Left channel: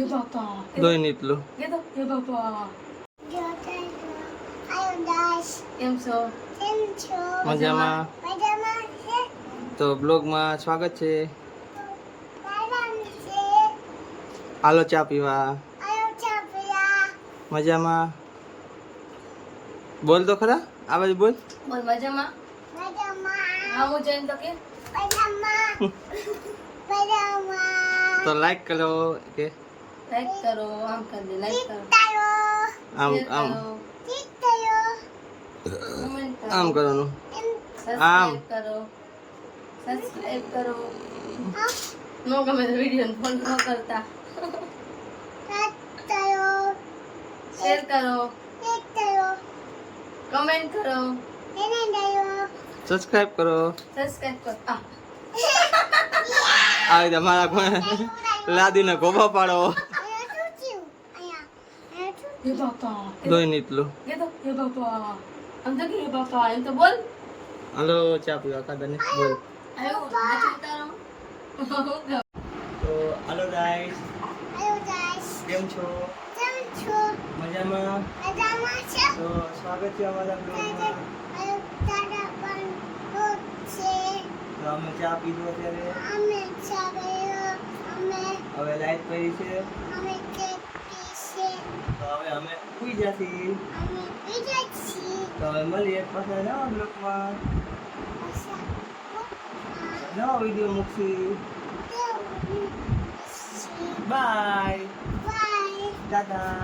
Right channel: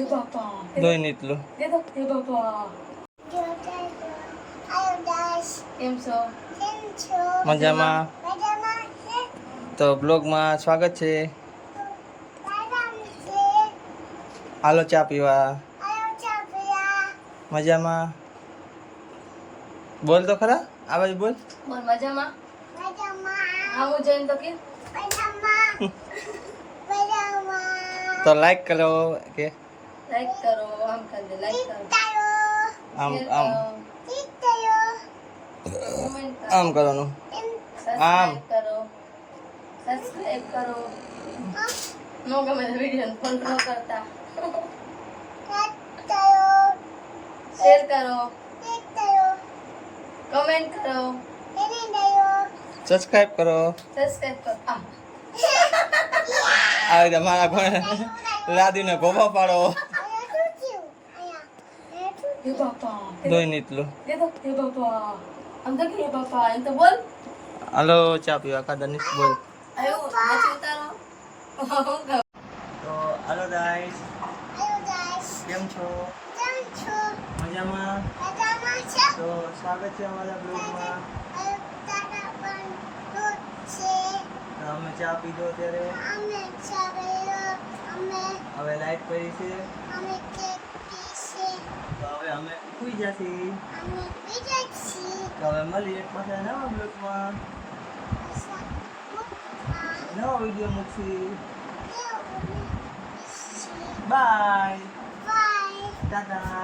એ બાપા દોઈ નીતલું એ બાપા કેમ છો? મજામાં. તો બ્લોગમાં સ્વાગત છે. હાલો ચા પીવા. મજામાં. બોલ તો ખરા આ બાજુ બોલ. બોલ મજામાં. હા હું જઈને તો કે તો લાઈક કરો કે લાઈક કરો, આમ કરી દે, લાઈક કરો, આમ શેર આમ કરો, comment કરો, આમ કરવાનું. આમ સબસ્ક્રાઇબ કરો. નો ગમે તો વિડિયો ફોન ન કરતા. શેર કરો, કમેન્ટ કરો, સબસ્ક્રાઇબ કરો. સબસ્ક્રાઇબ કરો. આ રીતે મારા કોણે લાદીને ગોબા પાડો. એ બાપા દોઈ નીતલું. એ બાપા આમ તો કે એ બાપા એમ તો બોલ. હાલો ચા પીવા કાદાની બોલ. આયો નાચી ઉતારો. તો હાલો ગાઈસ કેમ છો? મજામાં. તો સ્વાગત છે અમારા બ્લોગમાં. તો અમે ચા પીધો અત્યારે. હવે લાઈટ પડી છે તો હવે અમે સુઈ જશી. તો હવે મળીએ પાછા નવા બ્લોગમાં. નવા વિડીયો મૂકશી. બાય ટાટા.